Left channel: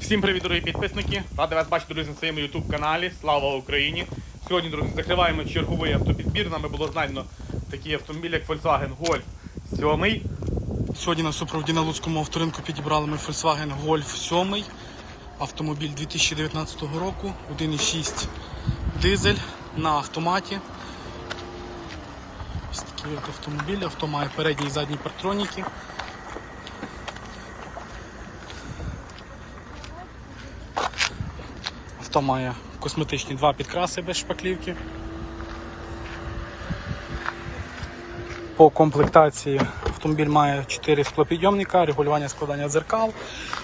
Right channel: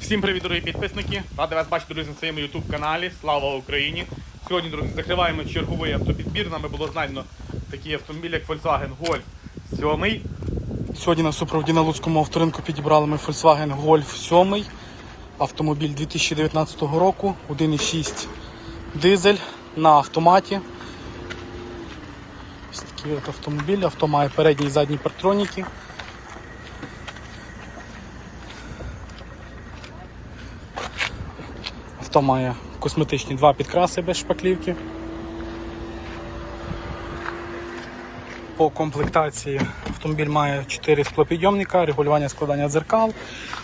Всім привіт, дорогі підписники! Радий вас бачити, друзі, на своєму YouTube каналі. Слава Україні! Сьогодні, друзі, закриваємо черговий автопідбір. Нами було знайдено такий автомобіль, як Volkswagen Golf 7. Сьогодні на супроводі на Луцькому авторинку підібрали ми Volkswagen Golf 7. Автомобіль 2019 року, 1,6 дизель на автоматі. Ось такий от автомобіль. Авто має передні і задні партроніки. Авто має косметичні два підкраси без шпаклівки. По комплектації автомобіль має 4 склопідйомника, регулювання складання дзеркал,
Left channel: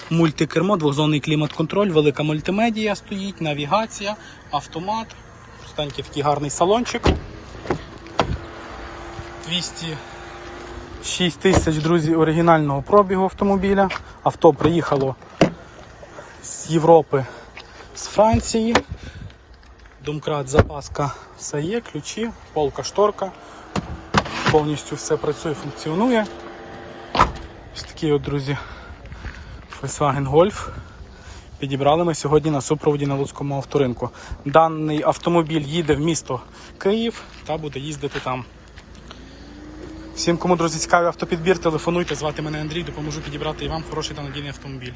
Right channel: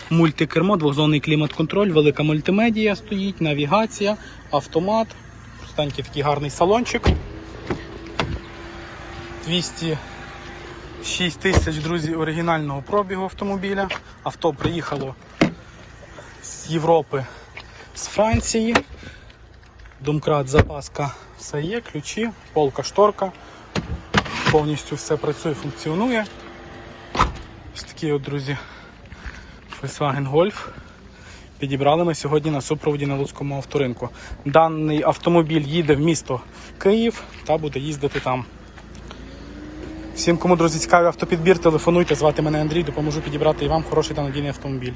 мультикермо, двохзонний клімат-контроль, велика мультимедія стоїть, навігація, автомат. Станьте такий гарний салончик. 206 тисяч, друзі, оригінального пробігу автомобіля. Авто приїхало з Європи з Франції. Домкрат, запаска, все є, ключі, полка, шторка. Повністю все працює, функціонує. Ось такі от, друзі, Volkswagen Golf. Підібрали ми сьогодні на супроводі на Луцькому авторинку. Даний автомобіль їде в місто Київ та буде їздити там. Всім, кому, друзі, цікавий автопідбір, телефонуйте, звати мене Андрій, допоможу підібрати і вам хороший та надійний автомобіль.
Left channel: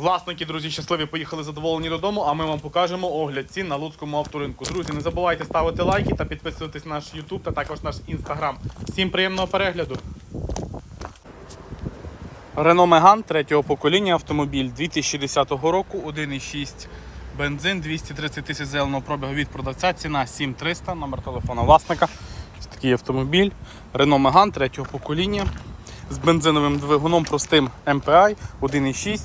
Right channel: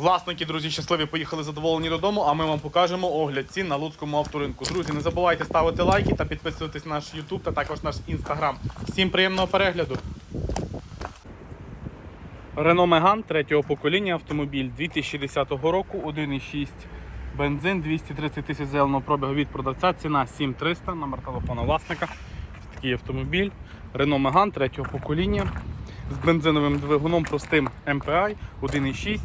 Власники, друзі, щасливі поїхали задоволені додому, а ми вам покажемо огляд цін на Луцькому авторинку. Друзі, не забувайте ставити лайки та підписуватись на наш YouTube та також наш Instagram. Всім приємного перегляду. Renault Megane третього покоління автомобіль 2010 року, 1,6 бензин, 230 тисяч зеленого пробігу від продавця, ціна 7300, номер телефона власника. Ось такий автомобіль. Renault Megane третього покоління з бензиновим двигуном простим MPI 1,6.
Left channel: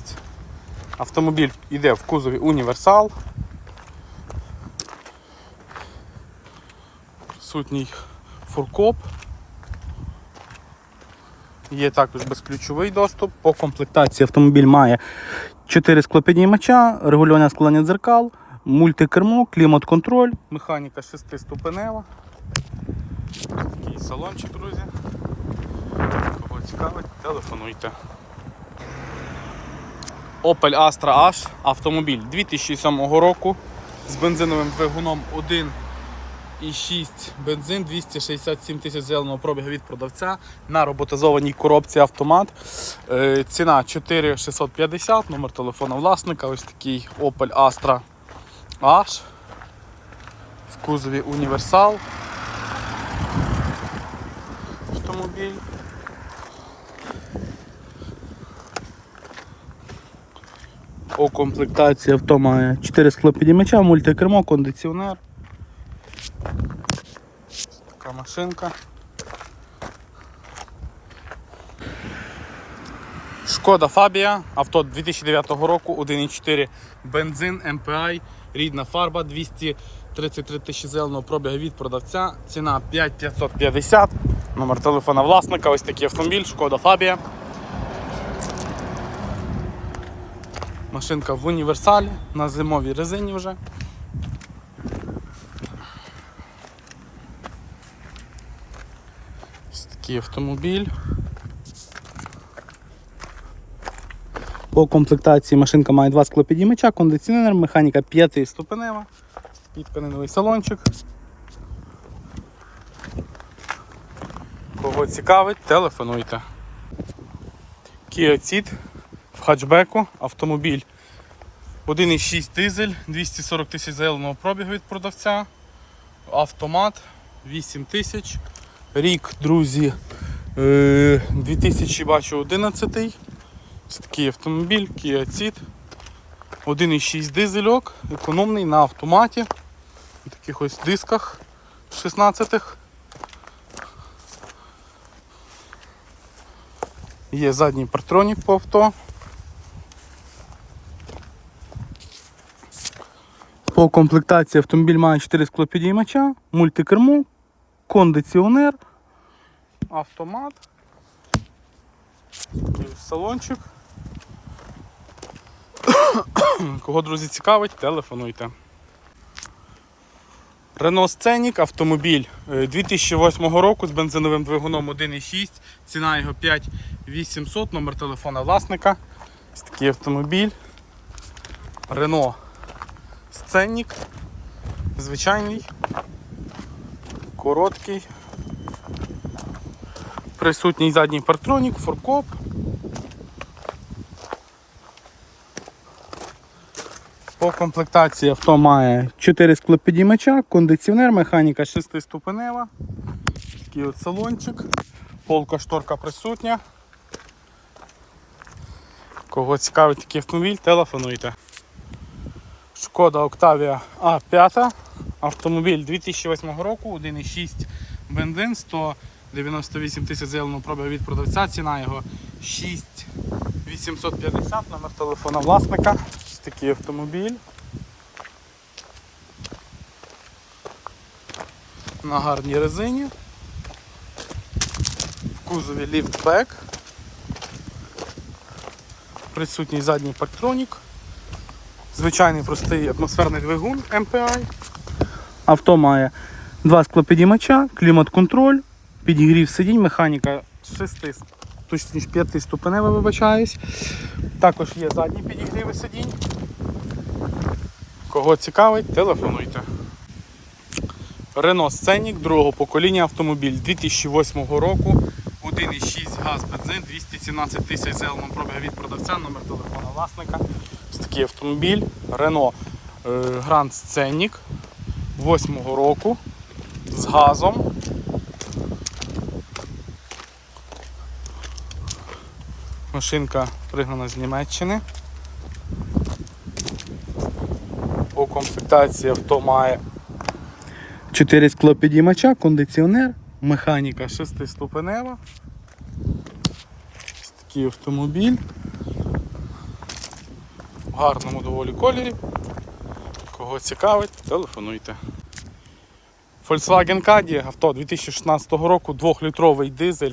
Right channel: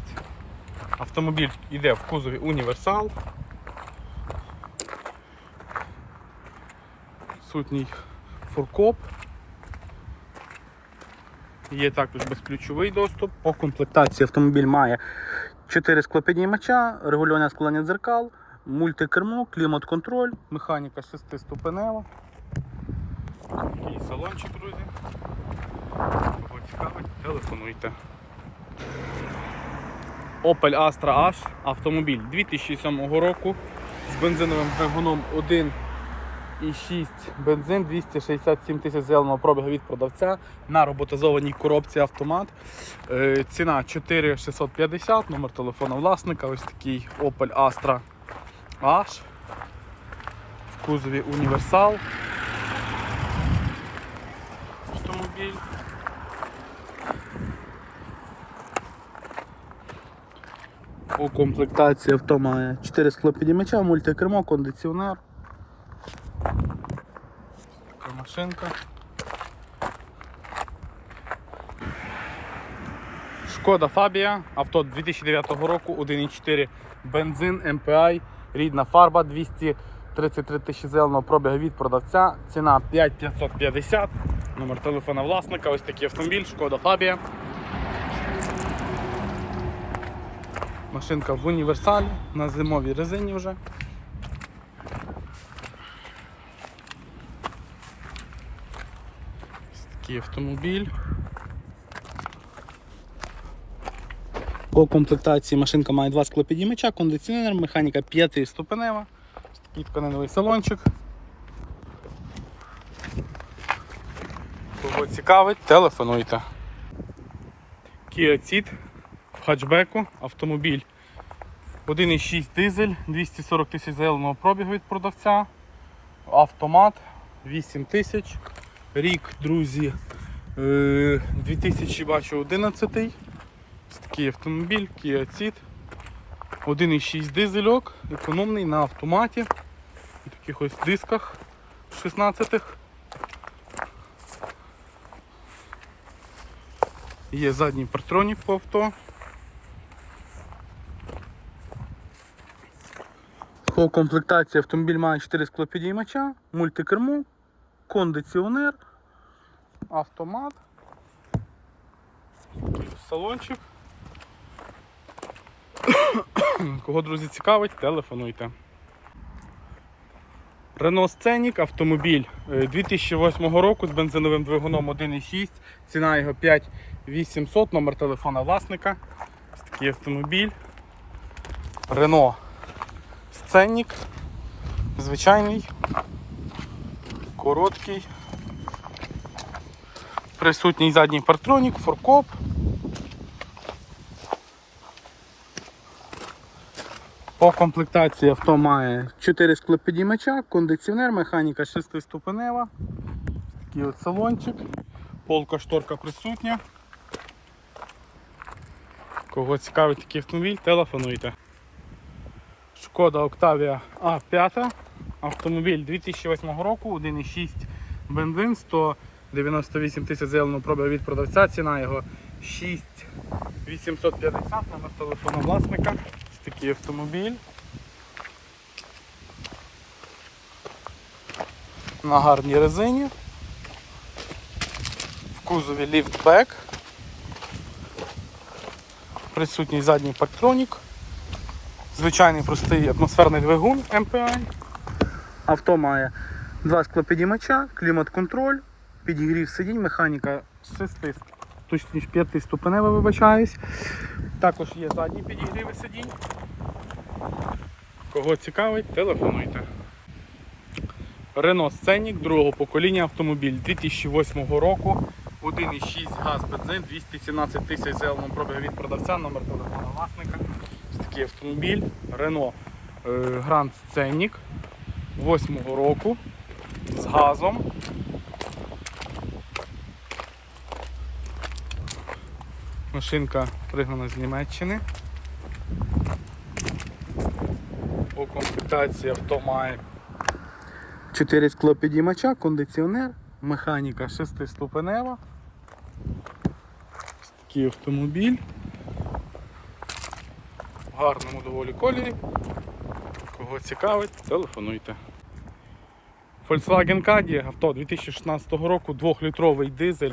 Автомобіль йде в кузові універсал. Сутній фуркоп. Є також безключовий доступ. По комплектації автомобіль має 4 склопіднімача, регулювання складання дзеркал, мультикермо, клімат-контроль, механіка 6 ступенева. Такий салончик, друзі. Кого цікавить, телефонуйте. Opel Astra H автомобіль 2007 року з бензиновим двигуном 1,6 бензин, 267 тисяч зеленого пробігу від продавця на роботизованій коробці автомат. Е, ціна 4650, номер телефона власника. Ось такий Opel Astra H в кузові універсал. Автомобіль. По комплектації авто має 4 склопідімача, мультикермо, кондиціонер. Така машинка. Шкода Фабія, авто 2009 року, 1,4 бензин, MPI, рідна фарба, 233 тисячі зеленого пробігу від продавця, ціна 5550, номер телефона власника, ось такий автомобіль, Шкода Фабія. Машинка в універсалі, на зимовій резині вже. Ось такий автомобіль. По комплектації машинка має два склопідіймача, кондиціонер, механіка 5 ступенева, тканиновий салончик. Кого цікавить, телефонуйте. Kia Ceed хатчбеку автомобіль 1,6 дизель, 240 тисяч зеленого пробігу від продавця, автомат 8 тисяч. Рік, друзі, е, 2000 бачу 11. Ось такий автомобіль, Kia Ceed. 1,6 дизельок, економний на автоматі. На таких ось дисках 16-х. Є задній партронік по авто. По комплектації автомобіль має 4 склопідіймача, мультикермо, кондиціонер, автомат, салончик. Кого, друзі, цікавить, телефонуйте. Renault Scenic автомобіль е, 2008 року з бензиновим двигуном 1.6, ціна його 5800, номер телефона власника. Ось такий автомобіль. Renault Scenic. Звичайний, короткий. Присутній задній партронік, форкоп. По комплектації авто має 4 склопідіймача, кондиціонер, механіка 6-ступенева. Такий от салончик. Полка шторка присутня. Кого цікавить такий автомобіль, телефонуйте. Шкода Octavia A5. Автомобіль 2008 року, 1,6 бензин, 198 тисяч заявленого пробігу від продавця. Ціна його 6850, номер телефона власника. Ось такий автомобіль. На гарній резині. В кузові ліфтбек. Присутній задній парктронік. Звичайний простий атмосферний двигун MPI. Авто має два склопідіймача, клімат-контроль, підігрів сидінь, механіка 6, точніше 5 ступенева, вибачаюсь. Також є задні підігріви сидінь. Кого цікавить, телефонуйте. Renault Scenic другого покоління автомобіль 2008 року. 1,6 газ бензин, 217 тисяч зеленого пробігу від продавця, номер телефона власника. Ось такий автомобіль. Renault Grand Scenic 8 року з газом. Машинка пригнана з Німеччини. По комплектації авто має 4 склопідіймача, кондиціонер, механіка 6-ступенева. Ось такий автомобіль. Гарному доволі кольорі. Кого цікавить, телефонуйте. Volkswagen Caddy, авто 2016 року, 2-літровий дизель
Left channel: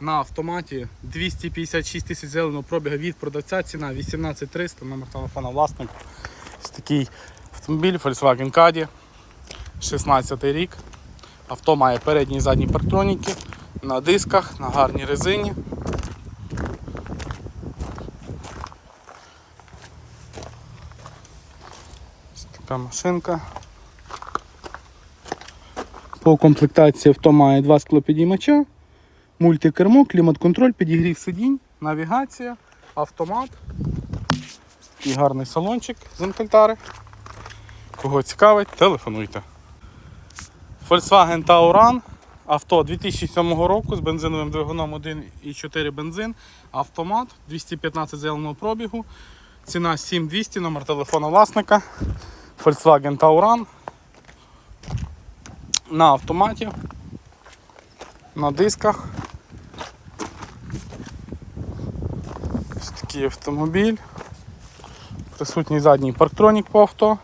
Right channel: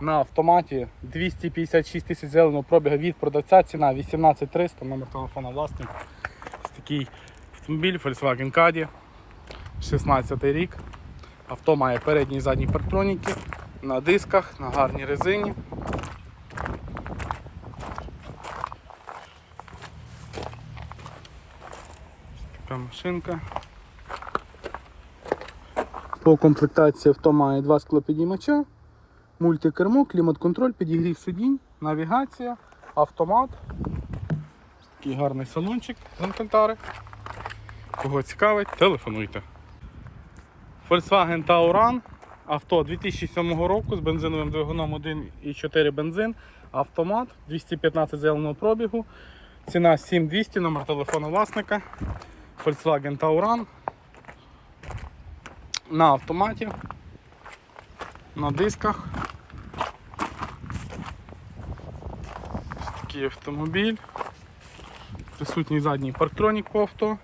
на автоматі 256 тисяч зеленого пробіга від продавця, ціна 18300, номер телефона власника. Ось такий автомобіль Volkswagen Caddy, 16 рік. Авто має передні і задні парктроніки на дисках, на гарній резині. Ось така машинка. По комплектації авто має два склопідіймача, мультикермо, клімат-контроль, підігрів сидінь, навігація, автомат. Такий гарний салончик з Алькантари. Кого цікавить, телефонуйте. Volkswagen Tauran. Авто 2007 року з бензиновим двигуном 1,4 бензин, автомат 215 зеленого пробігу. Ціна 7200, номер телефону власника. Volkswagen Tauran. На автоматі. На дисках. Ось такий автомобіль. Присутній задній парктронік по авто.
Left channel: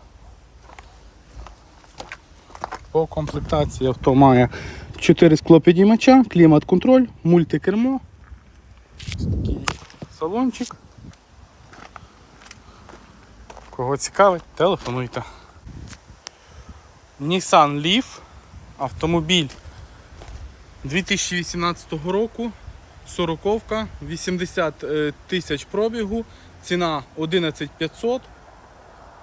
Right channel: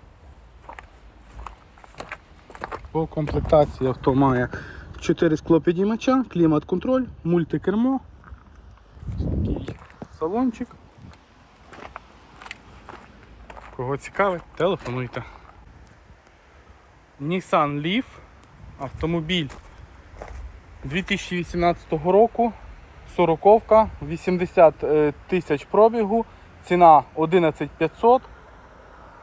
По комплектації авто має 4 склопідіймача, клімат-контроль, мультикермо. Ось такий салончик. Кого цікавить, телефонуйте. Nissan Leaf. Автомобіль 2018 року. 40 80 е, тисяч пробігу. Ціна 11500.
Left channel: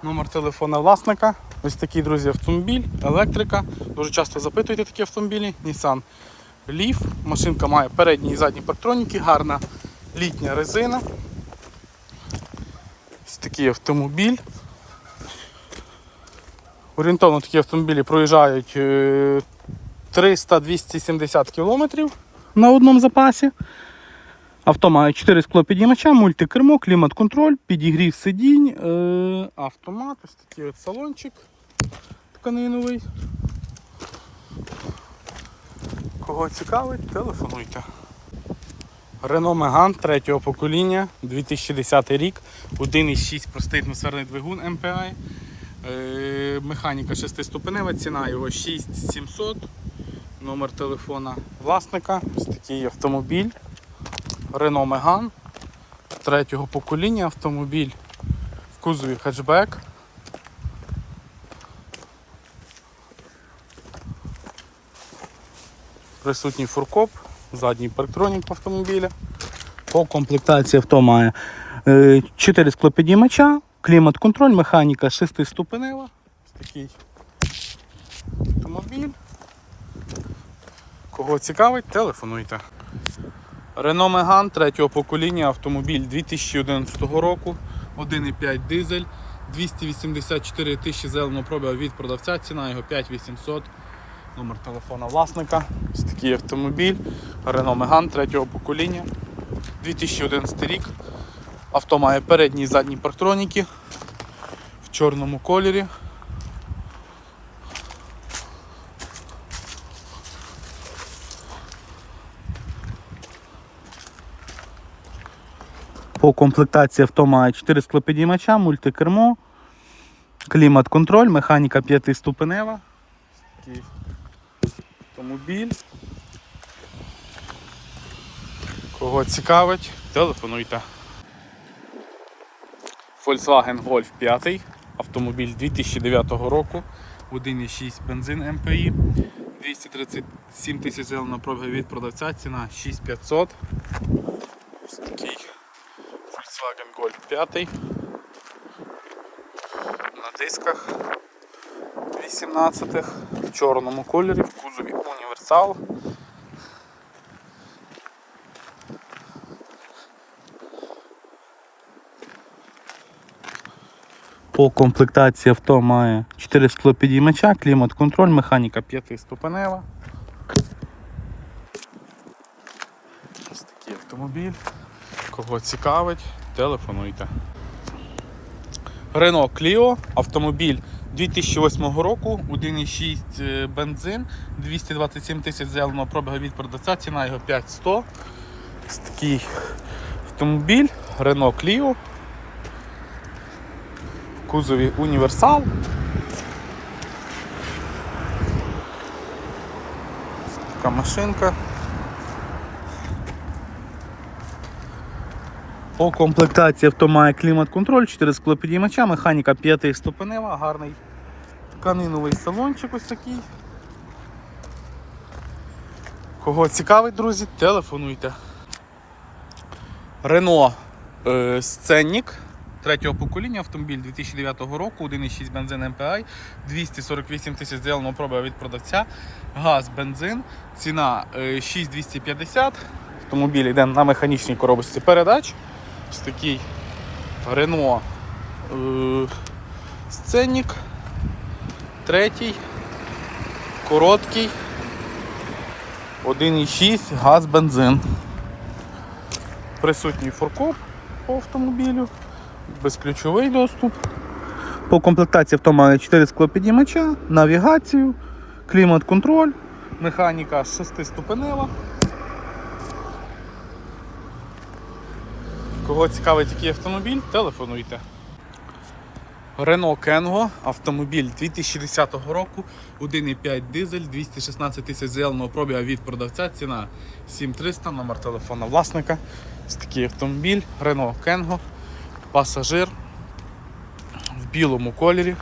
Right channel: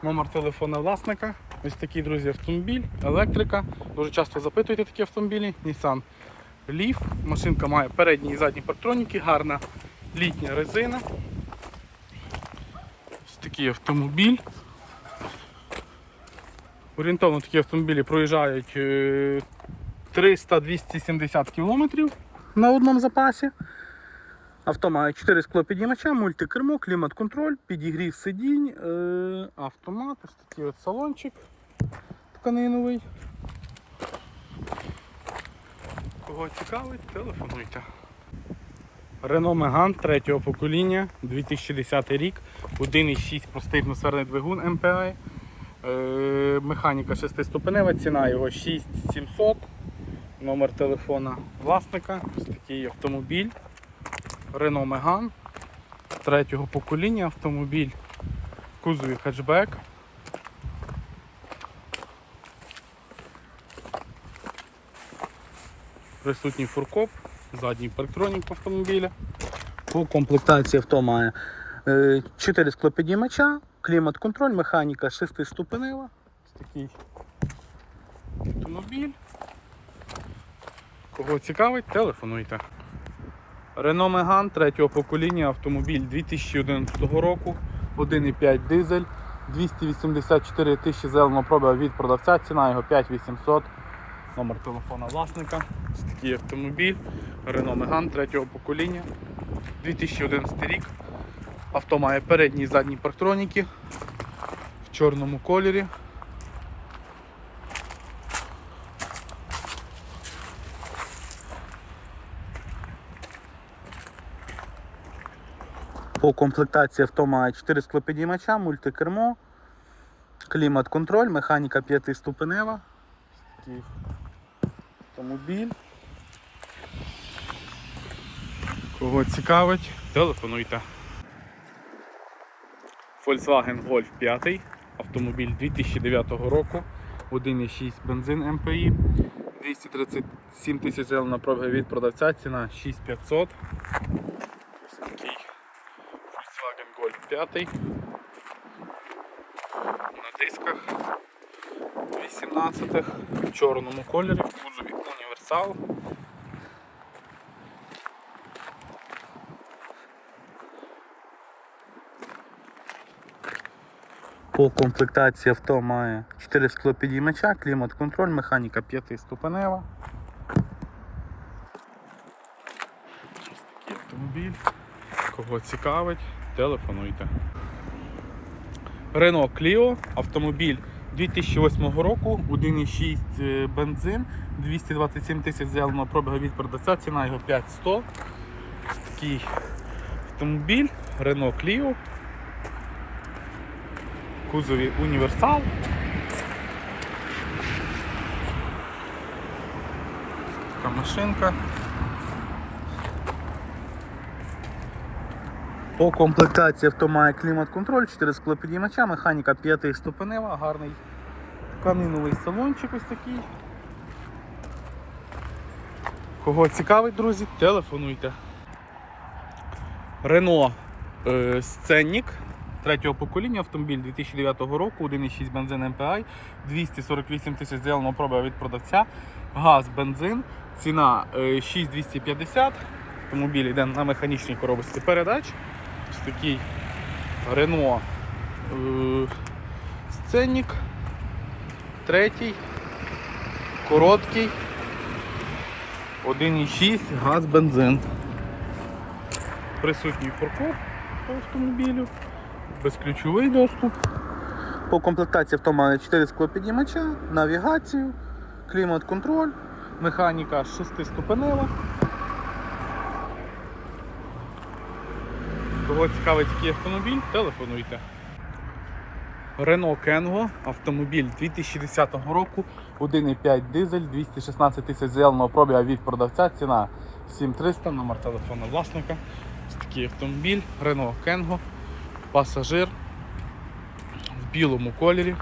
Номер телефона власника. Ось такий, друзі, автомобіль, електрика. Дуже часто запитуєте такі автомобілі. Nissan Leaf. Машинка має передні і задні парктроніки, гарна літня резина. Ось такий автомобіль. Орієнтовно такі автомобілі проїжджають е, 300-270 км на одному запасі. Авто має 4 склопідіймача, мультикермо, клімат-контроль, підігрів сидінь, е, автомат, ось такий от салончик тканиновий. Кого цікавить, телефонуйте. Renault Megane третього покоління, 2010 рік, 1,6 простий атмосферний двигун MPI. Е, Механіка 6-ступенева, ціна його 6700. Номер телефона власника. Ось такий автомобіль. Renault Megane третього покоління автомобіль в кузові хетчбек. Присутній фуркоп, задній парктронік в автомобілі. По комплектації авто має 4 склопідіймача, клімат-контроль, механіка 6-ступенева. Такий автомобіль. Кого цікавить, телефонуйте. Renault Megane третього покоління, автомобіль 2011 року, 1,5 дизель, 284 тисячі зеленого пробігу від продавця, ціна його 5800. Номер телефона власника. Ось такий автомобіль. Renault Megane третього покоління. 2011 рік. Авто має передні і задні парктроніки в чорному кольорі. По комплектації авто має 4 склопідіймача, мультикермо, клімат-контроль, механіка 5-ступенева. Такий автомобіль. Кого цікавить, телефонуйте. Volkswagen Golf 5, автомобіль 2009 року, 1,6 бензин МПІ, 237 тисяч зелена пробіга від продавця, ціна 6500. Ось такий Volkswagen Golf 5 на дисках 18-х в чорному кольорі, в кузові універсал. По комплектації авто має 4 склопідіймача, клімат-контроль, механіка 5-ступенева. Ось такий автомобіль. Кого цікавить, телефонуйте. Renault Clio, автомобіль 2008 року, 1,6 е, бензин, 227 тисяч зеленого пробігу від продавця, ціна його 5100. Ось такий автомобіль Renault Clio. Кузові універсал. Така машинка. По комплектації авто має клімат-контроль, 4 склопідіймача, механіка 5 ступенева, гарний тканиновий салончик ось такий. Кого цікавить, друзі, телефонуйте. Рено е, Сценник третього покоління автомобіль 2009 року, 1,6 бензин MPI, 248 тисяч зеленого пробігу від продавця, газ, бензин, ціна е, 6250. Автомобіль йде на механічній коробочці передач. Ось такий Renault е, Сценник. Третій. Короткий. 1,6 газ бензин. Присутній форкоп по автомобілю. Безключовий доступ. По комплектації авто має 4 склопідіймача, навігацію, клімат-контроль, механіка 6-ступенева. Кого цікавить який автомобіль, телефонуйте. Renault Kengo, автомобіль 2010 року, 1,5 дизель, 216 тисяч зеленого пробіга від продавця, ціна 7300, номер телефона власника. Ось такий автомобіль, Renault Kengo, пасажир в білому кольорі.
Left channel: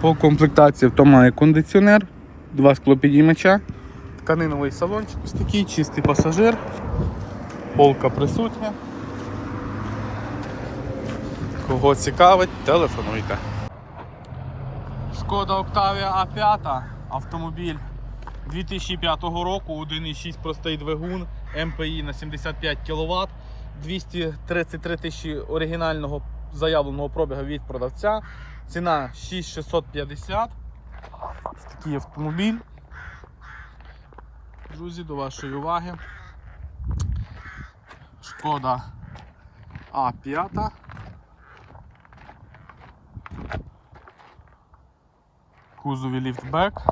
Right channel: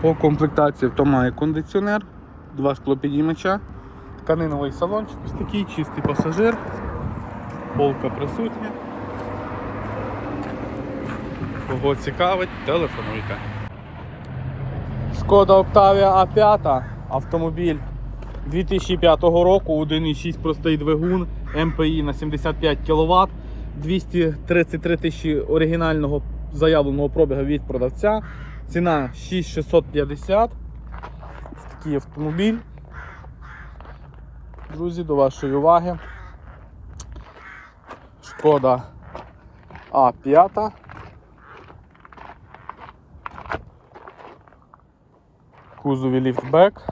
По комплектації авто має кондиціонер, два склопідіймача, тканиновий салончик, ось такий чистий пасажир, полка присутня. Кого цікавить, телефонуйте. Шкода Octavia A5, автомобіль 2005 року, 1,6 простий двигун, МПІ на 75 кВт, 233 тисячі оригінального заявленого пробігу від продавця. Ціна 6650. Ось Такий автомобіль. Друзі, до вашої уваги. Шкода А5. Кузові ліфтбек.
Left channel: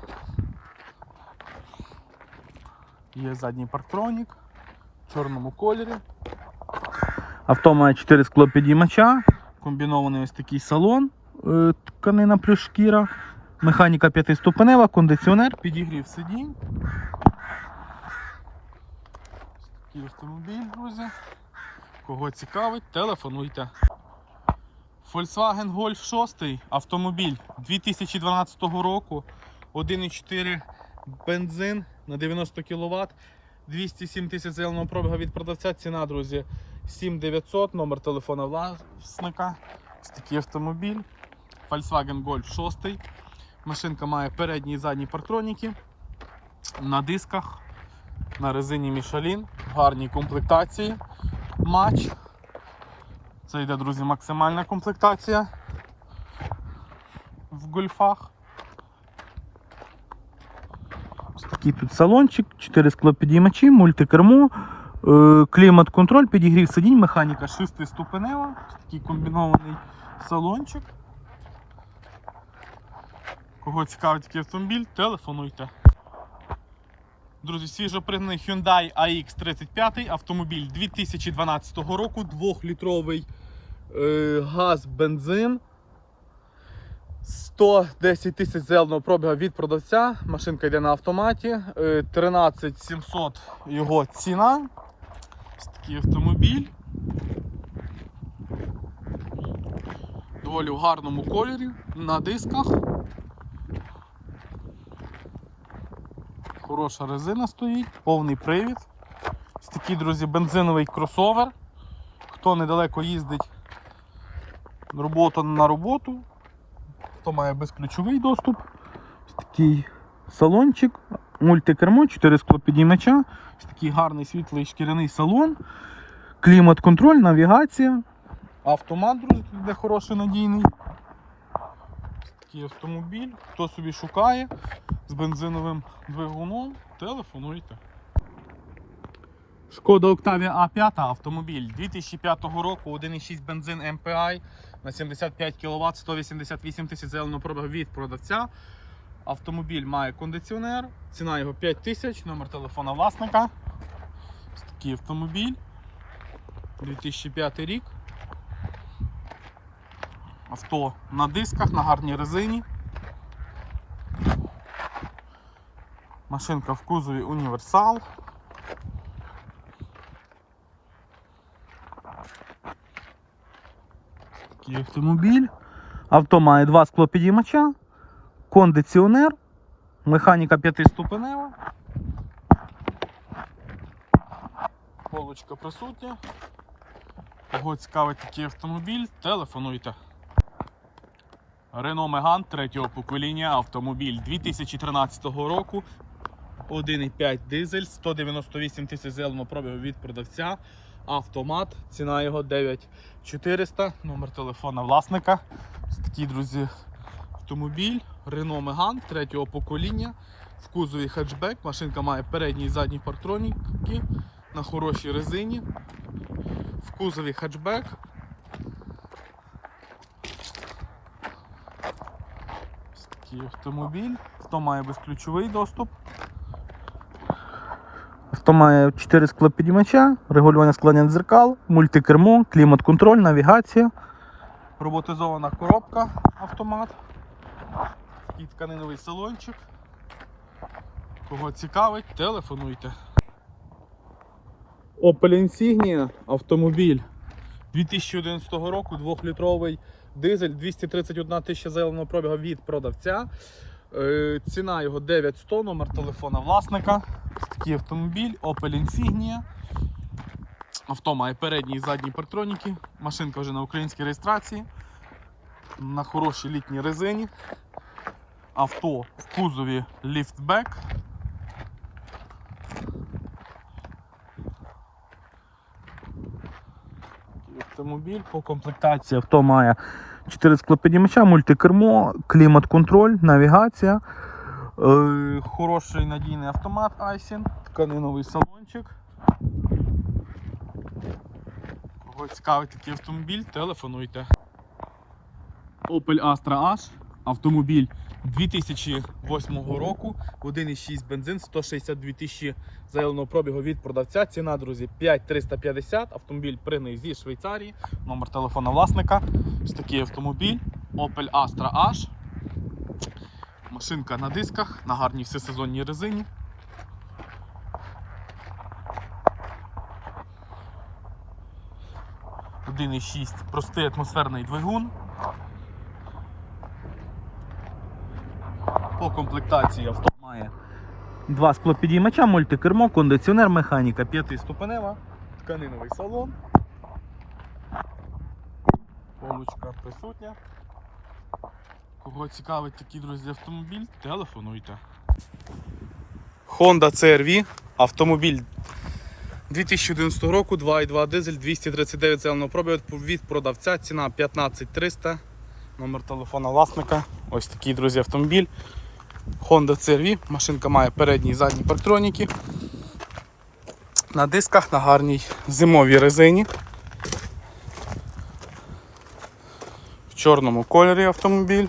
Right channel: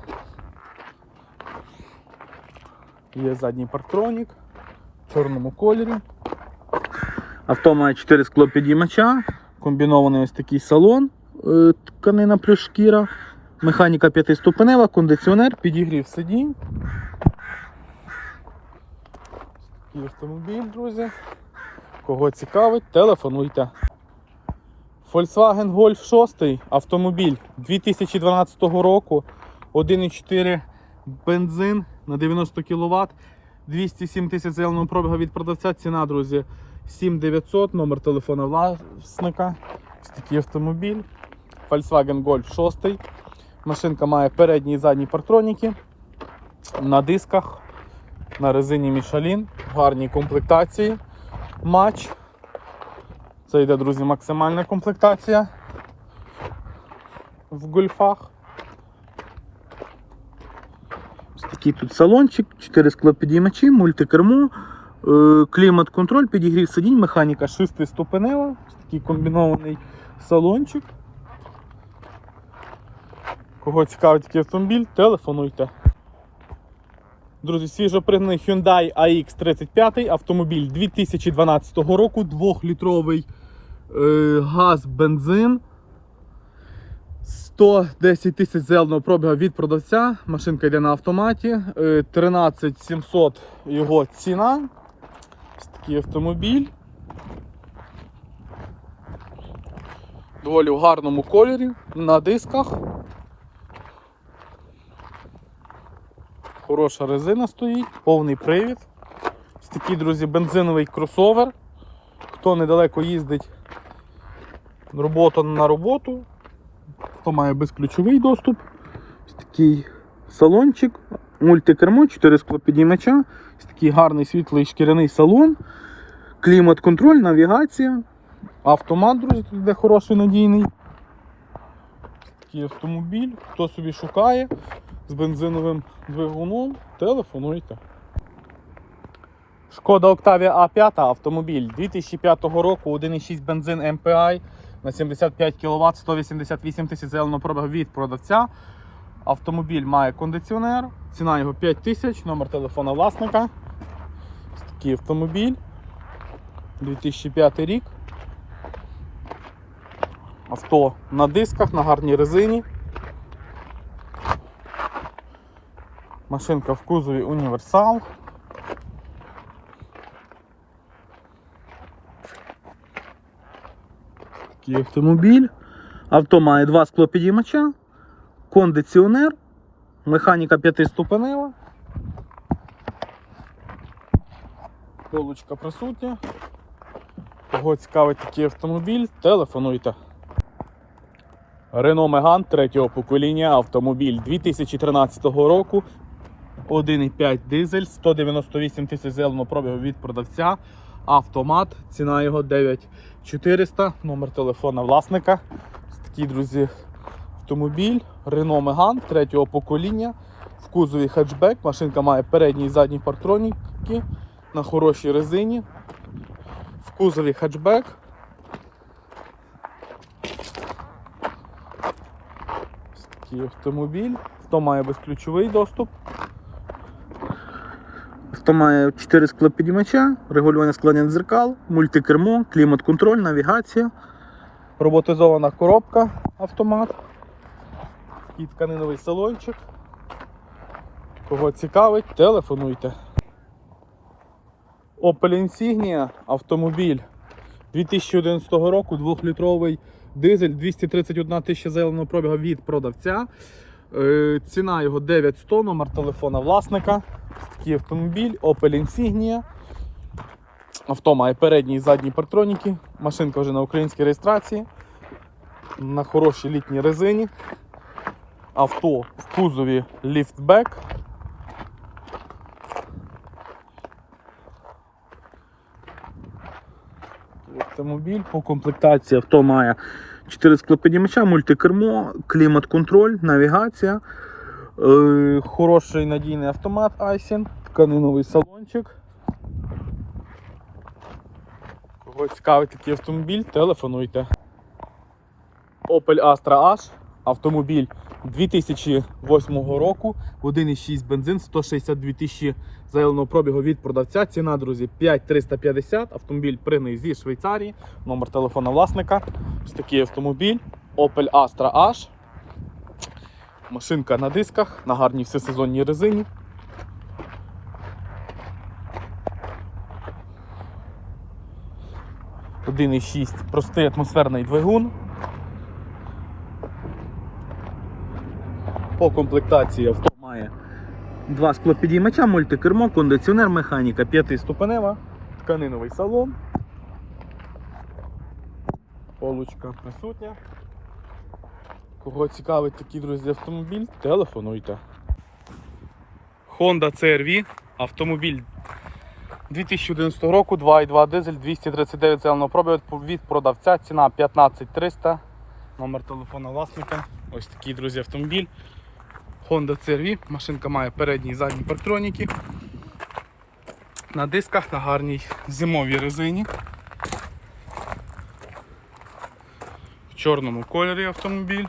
Є задній парктронік в чорному кольорі. Авто має 4 склопідіймача, комбінований ось такий салон, е, тканина плюс шкіра, Механіка п'ятиступенева, кондиціонер, підігрів сидінь. Такий автомобіль, друзі. Кого цікавить, телефонуйте. Volkswagen Golf 6 автомобіль 2012 року. 1,4 бензин на 90 кВт. 207 тисяч зеленого пробігу від продавця. Ціна, друзі, 7900, номер телефона власника. Ось такий автомобіль. Volkswagen Golf 6. Машинка має передні і задні парктроніки. На дисках, на резині Michelin, гарні комплектації. Матч. Це йде, друзі, максимальна комплектація в гольфах. Ось такий тут салончик, 4 склопідіймачі, мультикермо, е, клімат-контроль, підігрів сидінь, механіка 6-ступенева, Ось такий комбінований салончик. Кого цікавить такий автомобіль, телефонуйте. Друзі, свіжопригнаний Hyundai AX35, автомобіль 2012 року, 2-літровий е, газ, бензин. 110 тисяч зеленого пробігу від продавця. Машинка йде на автоматі. Е, 13 700 його ціна. Ось такий автомобіль. Доволі в гарному кольорі, на дисках. Хороша резина стоїть, повний привід. Ось такий, друзі, бензиновий кросовер. Хто недалеко їздить робота на роботу, хто має безключовий доступ. Ось такий салончик, мультикермо, 4 склопідіймача, ось такий гарний світлий шкіряний салон, клімат-контроль, навігація, автомат, друзі, тут йде хороший надійний. Такий автомобіль, хто собі шукає з бензиновим двигуном, телефонуйте. Шкода Octavia A5 автомобіль 2005 року, 1,6 бензин MPI на 75 кВт, 188 тисяч зеленого пробігу від продавця. Автомобіль має кондиціонер, ціна його 5 тисяч, номер телефона власника. Ось такий автомобіль. 2005 рік. Авто на дисках, на гарній резині. Машинка в кузові універсал. Такий автомобіль. Авто має два склопідіймача, кондиціонер, механіка п'ятиступенева. Полочка присутня. Кого цікавить такий автомобіль, телефонуйте. Renault Megane третього покоління автомобіль 2013 року. 1,5 дизель, 198 тисяч зеленого пробігу від продавця. Автомат, ціна його 9400, номер телефона власника. Такий, друзі, автомобіль. Renault Megane третього покоління. В кузові хетчбек. Машинка має передні і задні партроніки на хорошій резині. В кузові хетчбек. Ось такий автомобіль. Хто має безключовий доступ. Авто має 4 склопідіймача, регулювання складання дзеркал, мультикермо, клімат-контроль, навігація, роботизована коробка, автомат, і тканиновий салончик. Кого цікавить, телефонуйте. Opel Insignia автомобіль 2011 року, 2-літровий дизель, 231 тисяча зеленого пробігу від продавця. Е, Ціна його 9100, номер телефона власника. Такий автомобіль, Opel Insignia. Авто має передні і задні партроніки. Машинка вже на українській реєстрації. На хорошій літній резині. Авто в кузові ліфтбек. Автомобіль по комплектації авто має 4 склопідіймача, мультикермо, клімат-контроль, навігація, е, хороший надійний автомат Айсін, тканиновий салончик. Кого цікавить такий автомобіль, телефонуйте. Opel Astra H, автомобіль 2008 року, 1,6 бензин, 162 тисячі зеленого пробігу від продавця. Ціна, друзі, 5350. Автомобіль пригнаний зі Швейцарії. Номер телефона власника. Ось такий автомобіль. Opel Astra H. Машинка на дисках, на гарній всесезонній резині. Один і шість простий атмосферний двигун. По комплектації авто має два склопідіймача, мультикермо, кондиціонер, механіка, п'ятиступенева, тканиновий салон. Полочка присутня. Кого цікавить такий, друзі, автомобіль, телефонуйте. Honda CR-V, автомобіль 2011 року, 2,2 дизель, 239 зеленого пробігу від продавця, ціна 15300, номер телефона власника. Ось такий, друзі, автомобіль. Honda CR-V, машинка має передні і задні парктроніки. На дисках на гарній зимовій резині. В чорному кольорі автомобіль.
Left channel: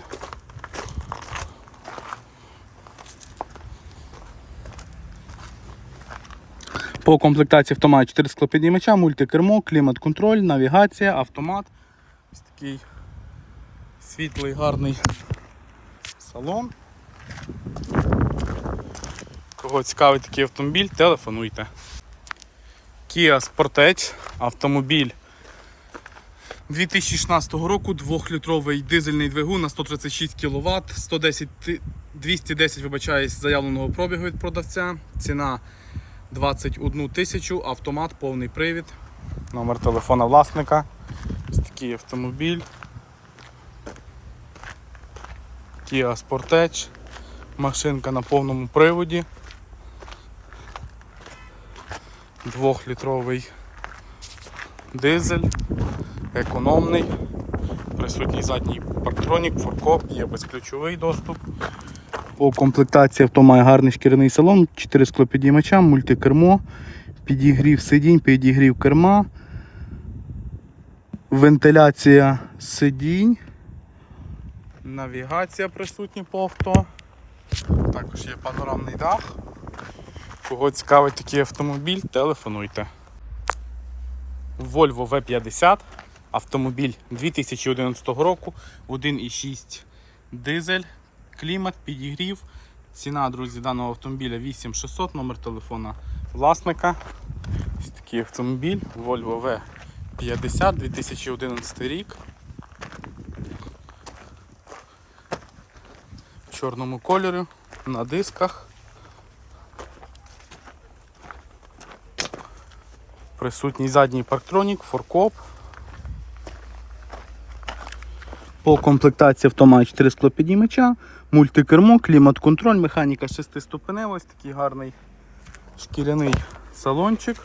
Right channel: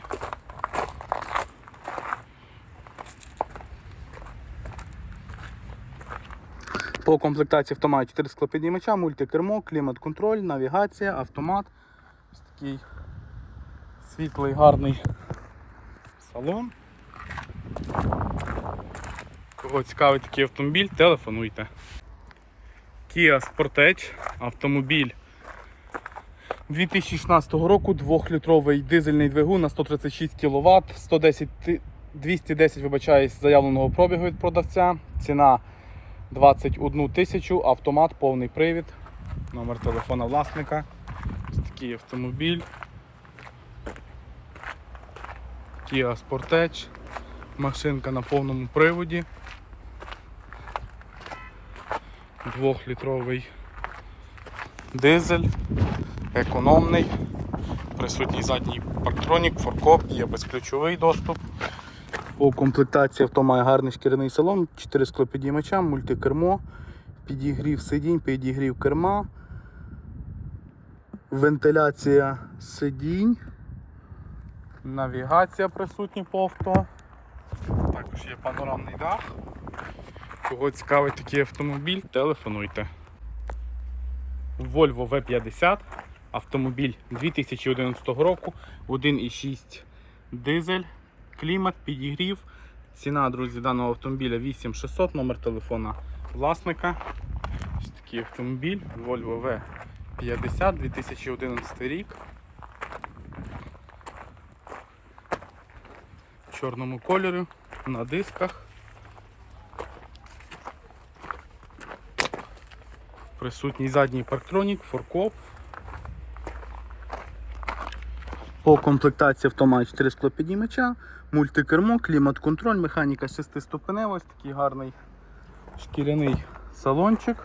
По комплектації авто має 4 склопідіймача, мультикермо, клімат-контроль, навігація, автомат. Ось такий світлий, гарний салон. Кого цікавить такий автомобіль, телефонуйте. Kia Sportage, автомобіль 2016 року, 2-літровий дизельний двигун на 136 кВт, 110, ти- 210 вибачаюсь, заявленого пробігу від продавця. Ціна 21 тисячу, автомат, повний привід, номер телефона власника. Ось такий автомобіль. Kia Sportage. Машинка на повному приводі. Двохлітровий дизель, економний, присутній задній парктронік, форкоп, є безключовий доступ. По комплектації авто має гарний шкіряний салон, 4 склопідіймача, мультикермо, підігрів сидінь, підігрів керма, вентиляція сидінь, навігація присутня по авто. Також є панорамний дах. Кого цікавить такий автомобіль, телефонуйте. Volvo V50, автомобіль 2011 року, 1,6 дизель, клімат, підігрів. Ціна, друзі, даного автомобіля 8600, номер телефона власника. Ось такий автомобіль Volvo V50 2011 рік. В чорному кольорі, на дисках. Присутній задній парктронік, форкоп. По комплектації авто має 4 склопідіймача, мультикермо, клімат-контроль, механіка 6-ступенева, ось такий гарний шкіряний салончик.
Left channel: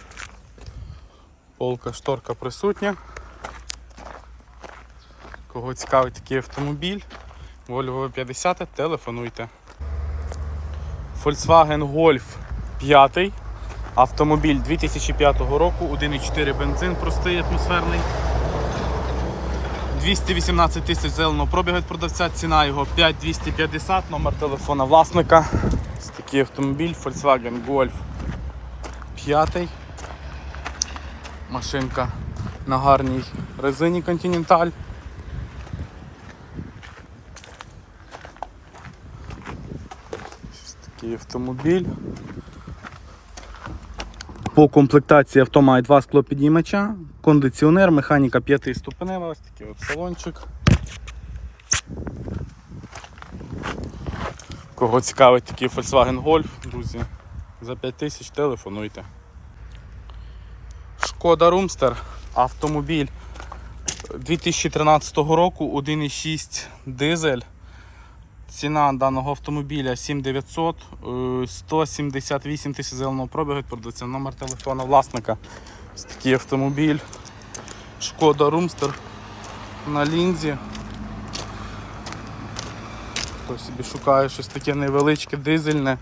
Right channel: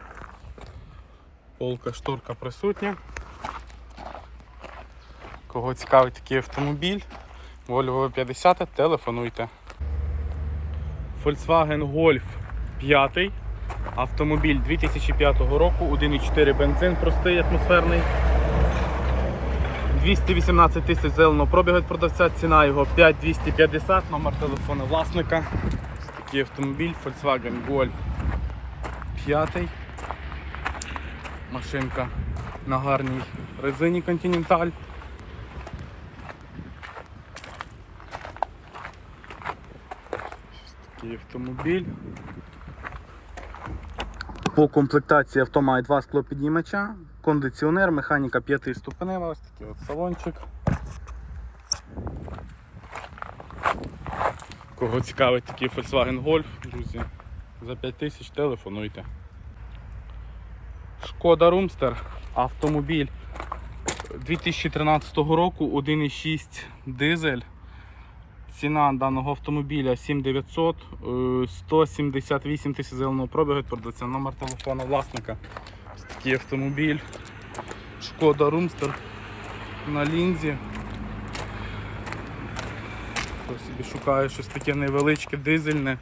Полка шторка присутня. Кого цікавить такий автомобіль, Volvo 50, телефонуйте. Volkswagen Golf 5. Автомобіль 2005 року, 1,4 бензин, простий атмосферний. 218 тисяч зеленого пробігу від продавця, ціна його 5250, номер телефона власника. Ось такий автомобіль Volkswagen Golf 5. Машинка на гарній резині Continental. Ось такий автомобіль. По комплектації авто має два склопідіймача, кондиціонер, механіка 5 ступенева, ось такий от салончик. Кого цікавить такий Volkswagen Golf, друзі, за 5 тисяч телефонуйте. Шкода Румстер, автомобіль 2013 року, 1,6 дизель. Ціна даного автомобіля 7900, е, 178 тисяч зеленого пробігу продавця, номер телефона власника. Ось такий автомобіль. Шкода Румстер на лінзі. Хто собі шукає щось таке невеличке, дизельне.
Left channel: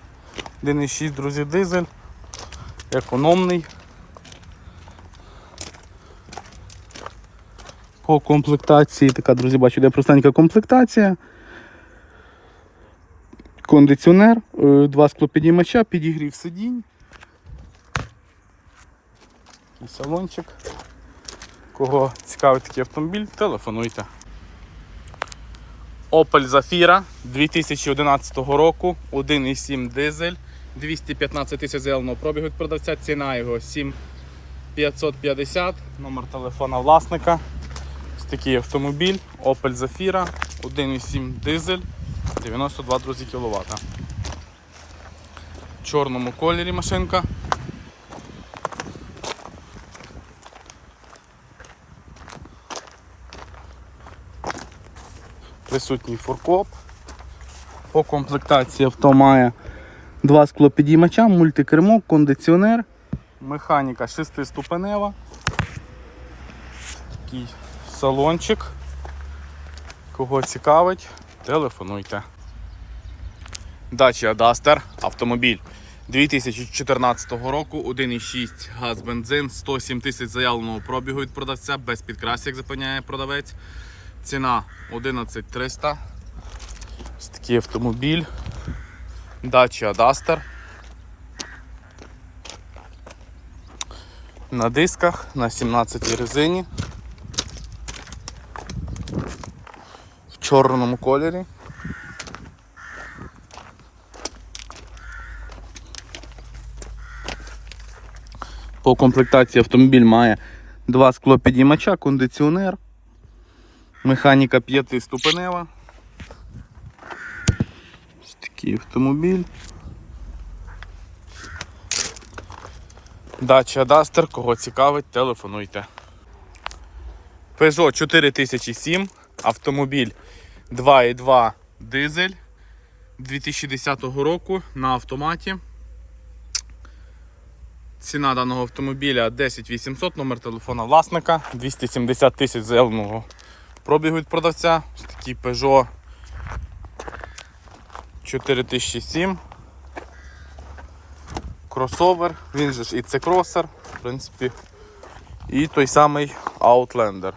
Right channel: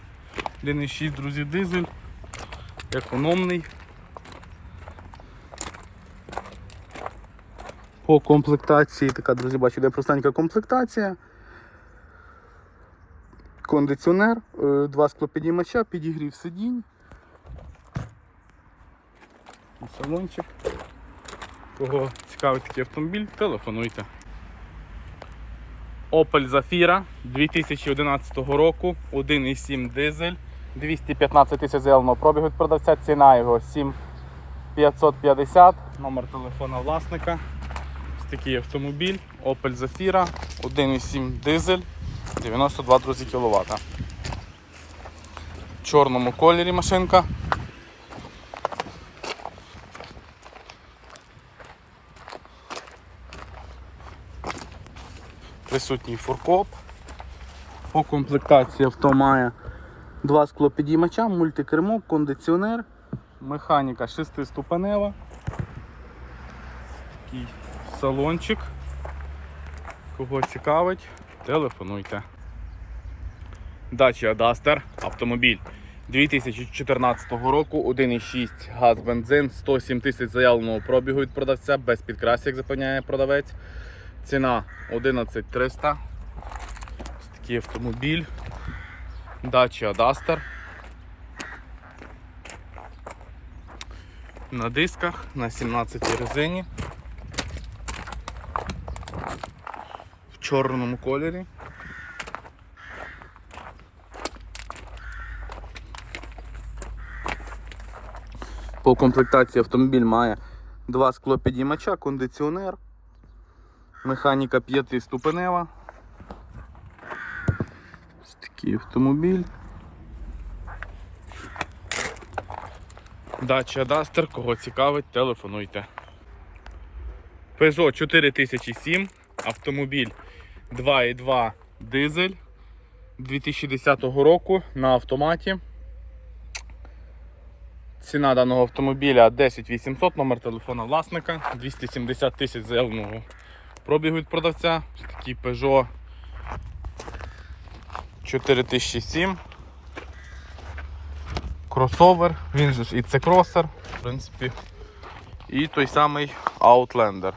1,6, друзі, дизель. Економний. По комплектації, така, друзі, бачу, де простенька комплектація. Кондиціонер, е, два склопідіймача, підігрів сидінь. Салончик. Кого цікавить такий автомобіль, телефонуйте. Opel Zafira 2011 року, 1,7 дизель, 215 тисяч заявленого пробігу від продавця, ціна його 7550, номер телефона власника. Ось такий автомобіль, Opel Zafira, 1,7 дизель, 92 друзі кВт. В чорному кольорі машинка. Присутній фуркоп. По комплектації авто має два склопідіймача, мультикермо, кондиціонер, механіка шестиступенева. Такий салончик. Кого цікавить, телефонуйте. Dacia Duster автомобіль 2014 року, 1,6 газ бензин, 107 тисяч заявленого пробігу від продавця, без підкрасів, як запевняє продавець. Ціна 11300. Ось такий автомобіль. Dacia Duster. На дисках на 17 резині. Чорному кольорі. По комплектації автомобіль має два склопідіймача, кондиціонер, механіка п'ятиступенева. Ось такий автомобіль. Dacia Duster, кого цікавить, телефонуйте. Peugeot 4007, автомобіль 2.2 дизель 2010 року на автоматі. Ціна даного автомобіля 10 800, номер телефона власника, 270 тисяч заявленого пробігу від продавця. Такий Peugeot 4007. Кросовер, він же ж і це кросер, в принципі. І той самий Outlander.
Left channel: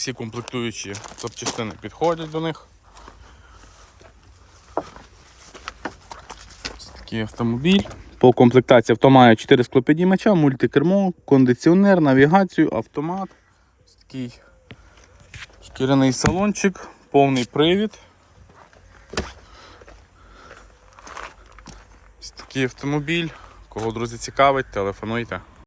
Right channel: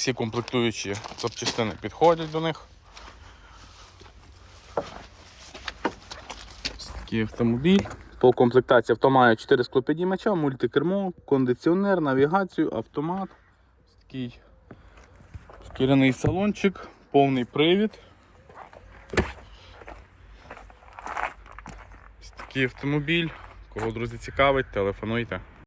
Всі комплектуючі запчастини підходять до них. Такий автомобіль. По комплектації авто має 4 склопідіймача, мультикермо, кондиціонер, навігацію, автомат. Ось такий шкіряний салончик, повний привід. Ось такий автомобіль. Кого, друзі, цікавить, телефонуйте.